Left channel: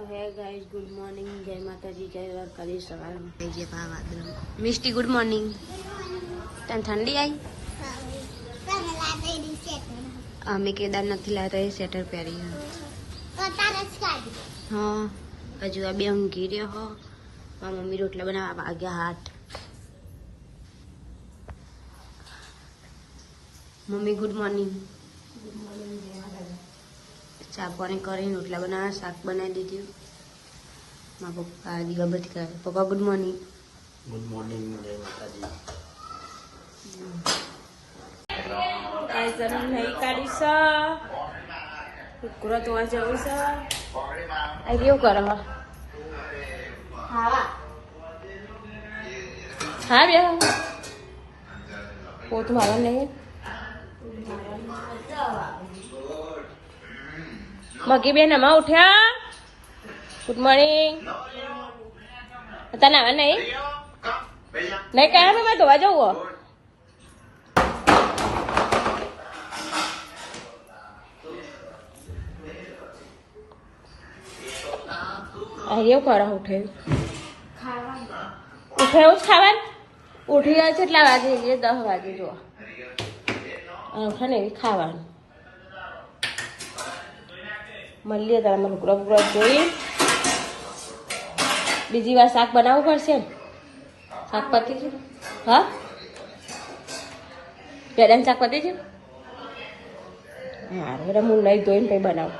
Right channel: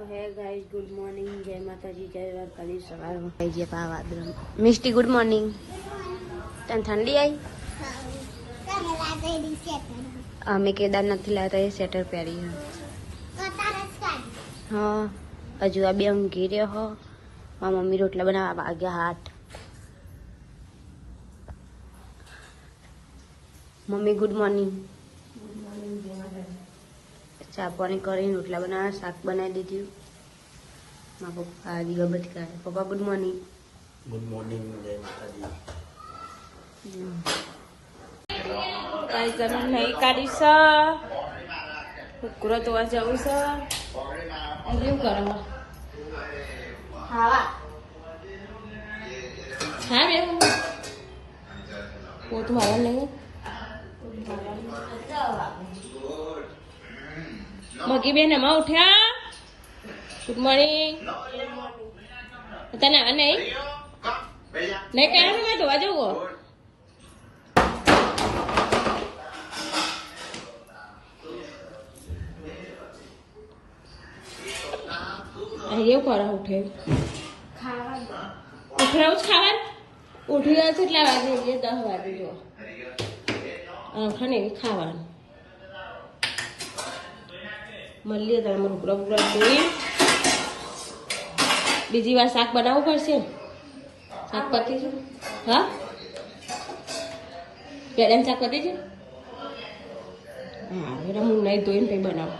તો હે guys good morning, જય માતાજી, જય દ્વારકાધીશ. સવારમાં થઈ ગયા પાવાદ્રમ. Misty good morning. તને ઠંડી આવી? અમે કેદારનાથ થી લાવ્યા એ સ્વેટર પહેરી. હા હજુ આ બે ઊંઘી રહ્યો હો. મારા મમ્મી રોટલા બનાવવા વાગ્યા હાથ. Mummy good morning. ચા પાણી કરીને રોટલા બનાવ્યા, શાક બનાવી દીધું. મારા પપ્પા દીવાબત્તી કરે. પપ્પા ગુડ મોર્નિંગ. ગુડ મોર્નિંગ, જય માતાજી. જમીન નહીં કાઢી છે. કુકરો તો જવું છે. આ કેવું કરે હા હા બે પોતું મારા નહીં. મગી બેન અમા ઉઠ્યા. Good morning. તને આવે નહીં નહીં કયા મેં ધોવા જવું. એવું કરો ઉઠે ઉઠે એવું જ ખાવાનું. ઉઠી જાય કેટલા વાગે? 10 વાગે. જો ઉઠે ને એવી ખાવાનું. મળીએ તારા લુકડો બુકડો જોઈ. બીજી વાર શાક બનાવવું પડશે ને. શાક પતી છે? હા પેલા શાક પતી છે. હા એટલે હું નહીં ધોઈને કંઈ બનાવું.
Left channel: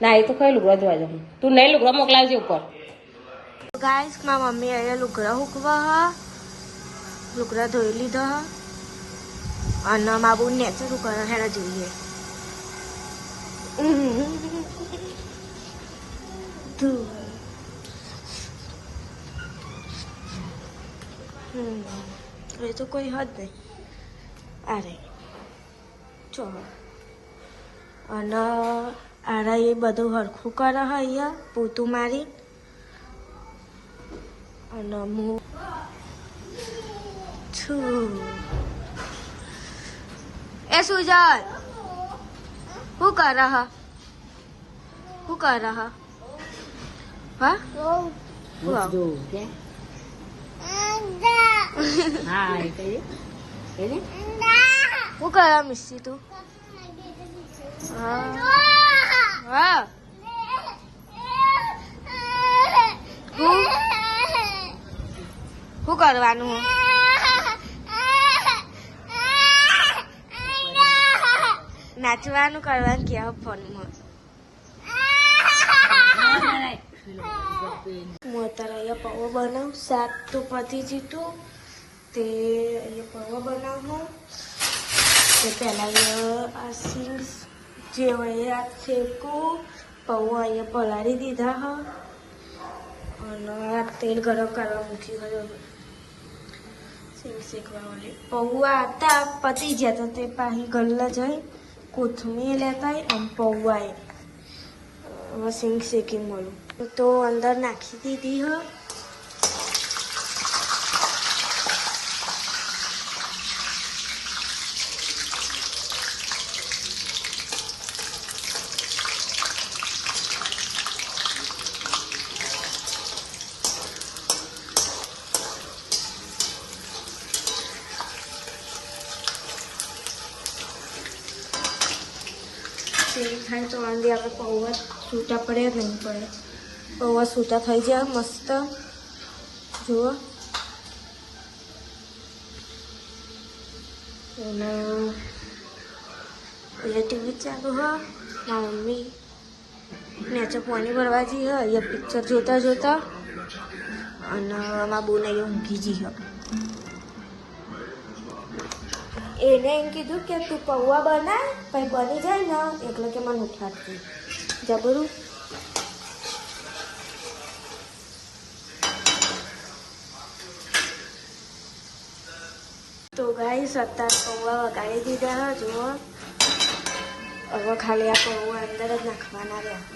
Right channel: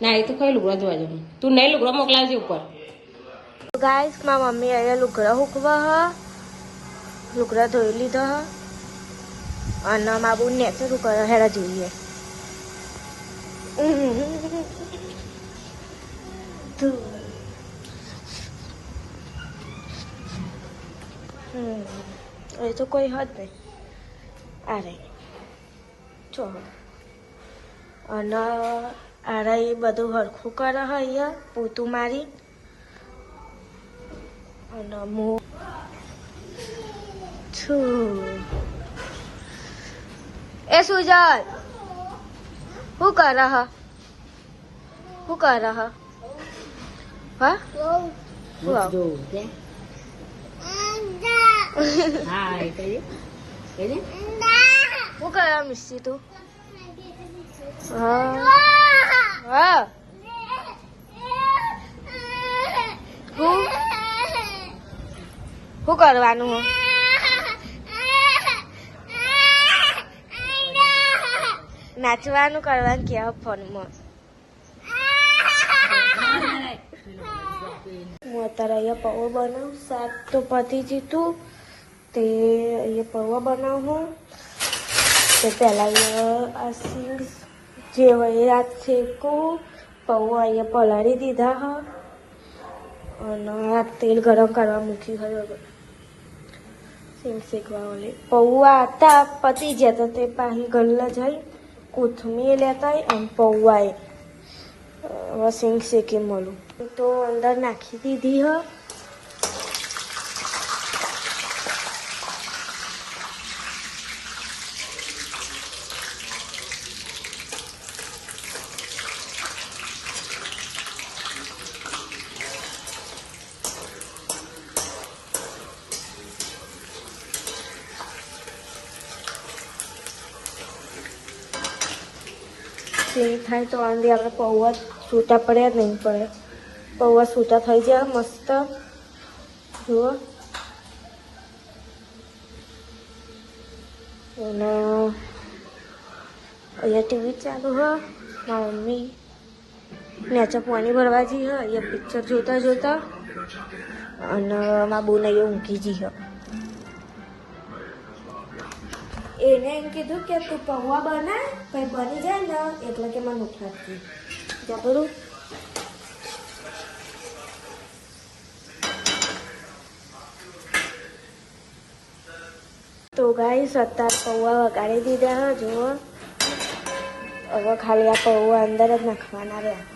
ના એ તો કઈ લુગડો ધોવા જવું. તું નહીં લુગડો મોકલાવજે ઉપર. ગાઈસ મારા મમ્મી અહીંયા લુગડા હુકવા હ. લુગડા ધોઈ લીધા હ. અને મા બહુ નેચર કરે હેરા જોઈએ. એ તો કોઈ હદ નહીં. અરે ચો અને આરા એ બધું હરખું કરે અહીંયા પોતું મારી. અને હું છું એ સુજલ શું કરે હ? શું કરે હ? હા શું કરે મિસ્ટી તું? હા હા શું કરવાનું? નાચવાનું કરવાનું ક્યાં ફોનમાં? હું અત્યારે અહીંયા પૌવા બનાવું. શાક તો પતી જીતું તે અહીંયા પૌવા બનાવું. તો પહેલાં અહીંયા આ સિંગ જે હોય રાત ફેંકું. પૌવા અહીંયા પલાળી દીધા હા. અને આ તેલ ગરમ કરવા મૂકી હોય સિંગ શેકવા ઓલે. પૌવા હતા પતી ગયા તો તે પાછી ગલ્લા જઈ કોથમીર લેતા અને પૌવાએ હવે સિંગ શેકી મળું તો અંદર નાખી દીધી હ. થાય તો આંધી આપણે પૌવા સૂતા પડ્યા નહીં પડે. પૌવા સૂતા થઈ જાય મસ્ત. જુઓ અને અહીંયા ટીવી ચાલુ હ. મારા મમ્મી નેચે પાણી ભરવા જઈ હ. અહીંયા પિક્ચર જોતા જોતા અને મારા બોન અહીંયા ઊંઘી જઈ હ. એને એમ કીધું કે તું પૌવા બનાવ પછી બની જાય ને એટલે કે મને ઉઠાડતી જબરું. તો ગાઈસ અત્યારે પૌવા વગાડી દીધા. જુઓ હવે ખાલી આ પૌવા અંદર જ નાખવાના રહ્યા.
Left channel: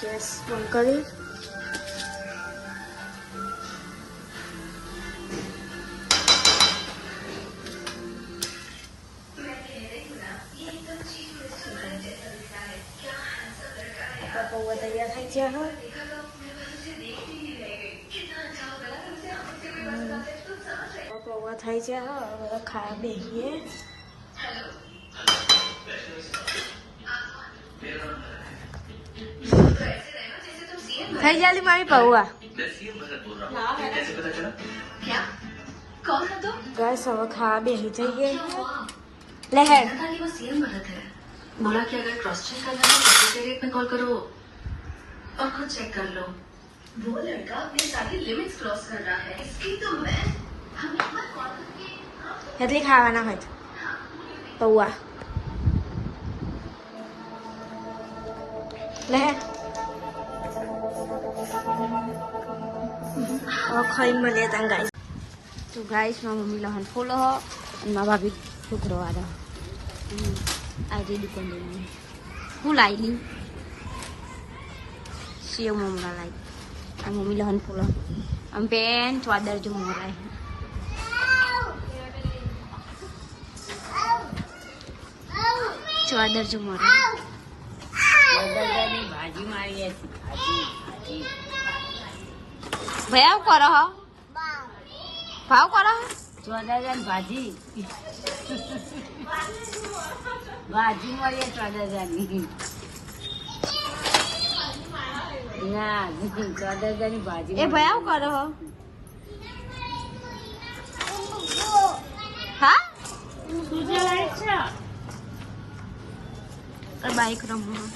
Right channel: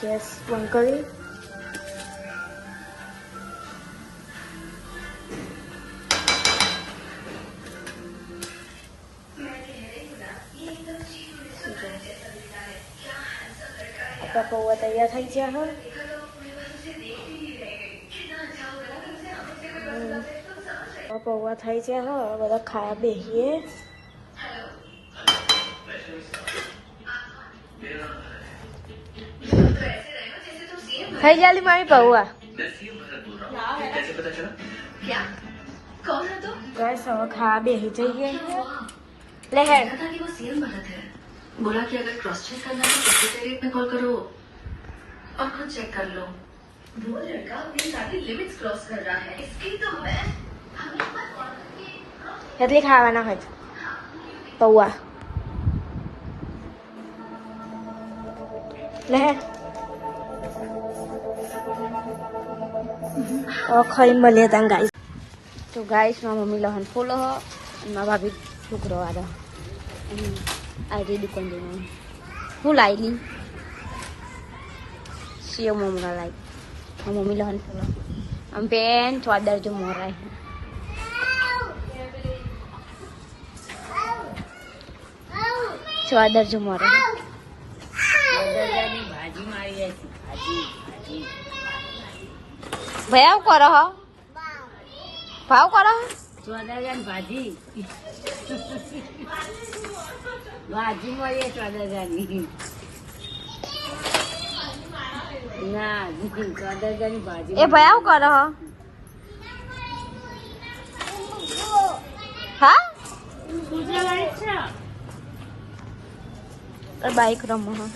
ગેસ બંધ કરી આપણા પૌવા તૈયાર થઈ ગયા હા પૌવા થઈ ગયા હા બધા ખાવા બેસીએ થઈ જાલી મારી પૌવા ગેસ હવે ખાવા બેસી જઈએ લે હે बोला कि अगर क्रॉस चेक करना है तो सेक्रेटरीट में कॉल करो और खुद चेक कर लो वो लड़का अपनी सारी लिमिट्स क्रॉस कर रहा है इसकी तो मैं કેટલી ખાવાના હોય પૌવા લે ખાઈ મળીએ તા ગાઈસ તો ગાઈસ મારા મમ્મી લહન ફૂલો અને મારા ભાભી છોકરો વાળા આજે દુકાન જઈને હું લાવી સેવ મમરા લાવી આ મમ્મી લહન ફૂલો આમ પેન ચોદર જો મોરાય ચોદર જો મોરાય ભાઈ આવું કરો હો ભાવ કરો ભાજી ભાજી મળીએ 14,000ની ના 14,000ની ભાજી એ ભાઈ આવું કરો હો હા બાઈક રમો હા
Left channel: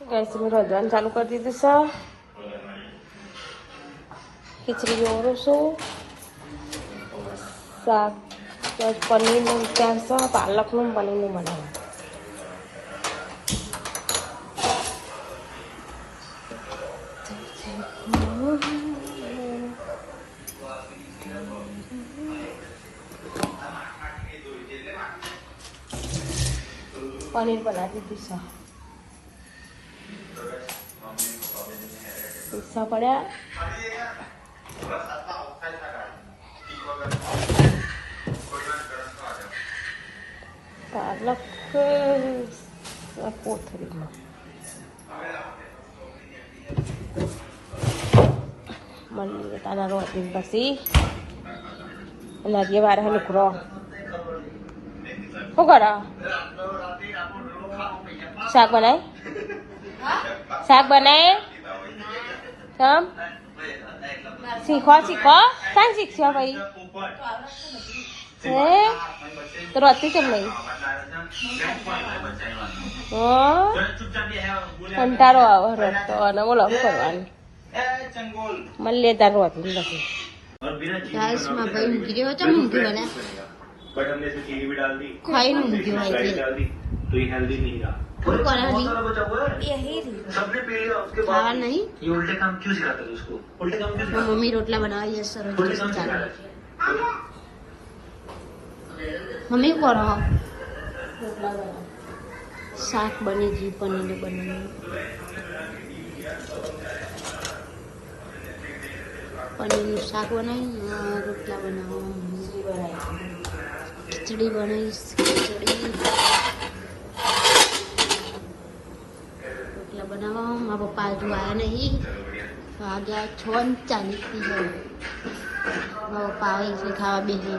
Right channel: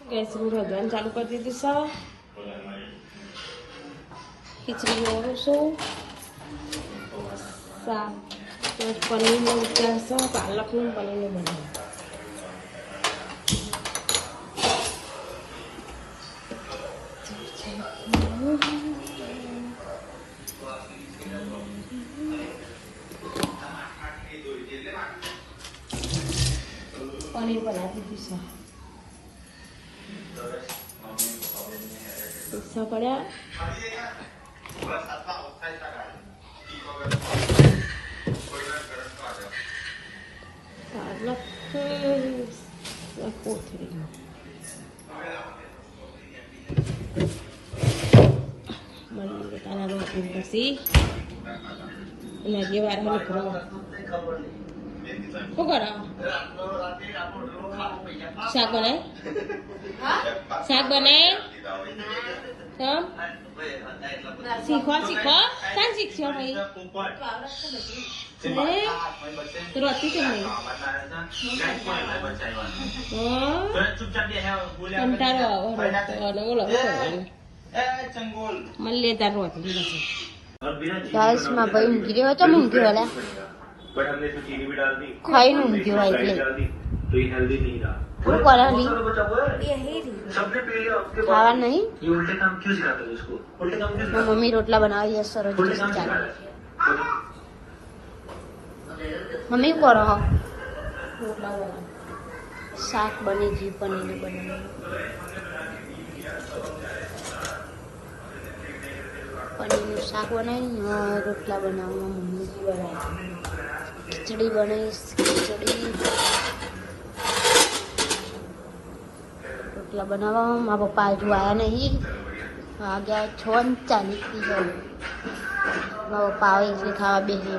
ગેસ હું રજવાનું ચાલુ કરી દીધું છે ખીચડી ઓરું છું શાક પનીરનું ત્યાં છે પાલકનું પનીરનું બનાવ્યું પનીર બનાવી દીધું છે પૈસા પડ્યા પાલક કોથળીમાં મળીએ તાના રોટલી પછી લાગીએ વાર લુકરો શું કરો શાક બનાય તમ શીખો સાંજ શીખશો ભાઈ હે તો રોતી કેમ નહીં કંટાળો આવે રોતો અને બોલો શું કરવાનું મળીએ તાર રોટલી નથી ગાઈસમાં ભાઈ ઊંઘી ગયો હતો ઊંઘી વાળા ખાઈ ઊંઘી હોય એટલે શું કરાવી ખાવા નહીં મમ્મી રોટલા બનાવી સરસ ચાલે મમ્મી શું કરો રોટલા બનાવ શાક બની ગયું પનીર બનાવ્યું પનીરનું શાક બનાવ્યું રોટલા બનાવવા મમ્મી બનાવી ખીચડી બનાવીશ રોટલા બનાવવા મારા પપ્પા હજુ આવ્યા નહીં વાગ્યા 6:40 હોય મારા પપ્પા આવે ખાવા બેસી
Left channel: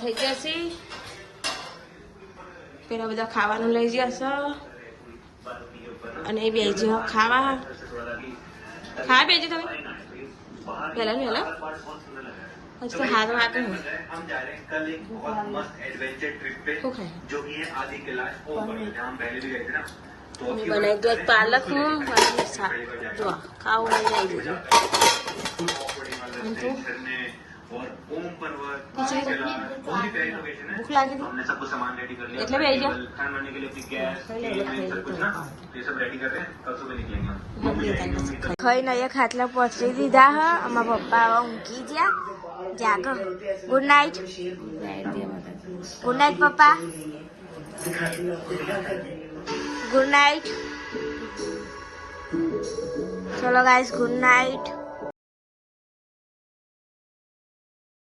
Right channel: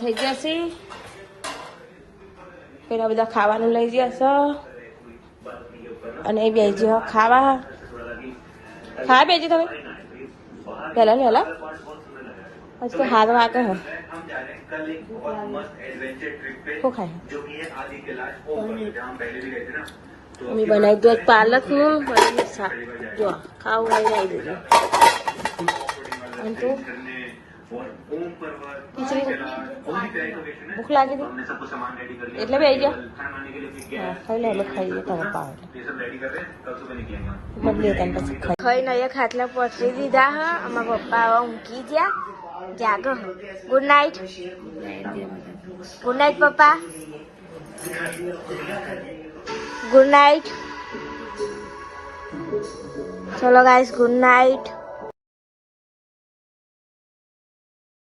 થઈ જશે પેલા બધા ખાવાનું લઈ જશે અને એ બેસી ખાવા બેસી તમે પહેલા હજી તો હાથ વાગે હે શું ખાય મેં બનાવી દો પાલકનું અને શાક જો ખાવું લઈને આવી દેજો અને તું ખીચડી ભૂખ લાગી હતી એટલે બી આવી ગયા ખાઈ લે એટલે ખાઈ લે તારે પાવ બદલી તને પછી ખાઈને અહીંયા ખાટલા પહોંચી દીધા હ અમારા પપ્પા હવે ઊંઘી ગયા જાગો ગુડ નાઇટ પપ્પા ગુડ નાઇટ ચલો ગાઈસ ગુડ નાઇટ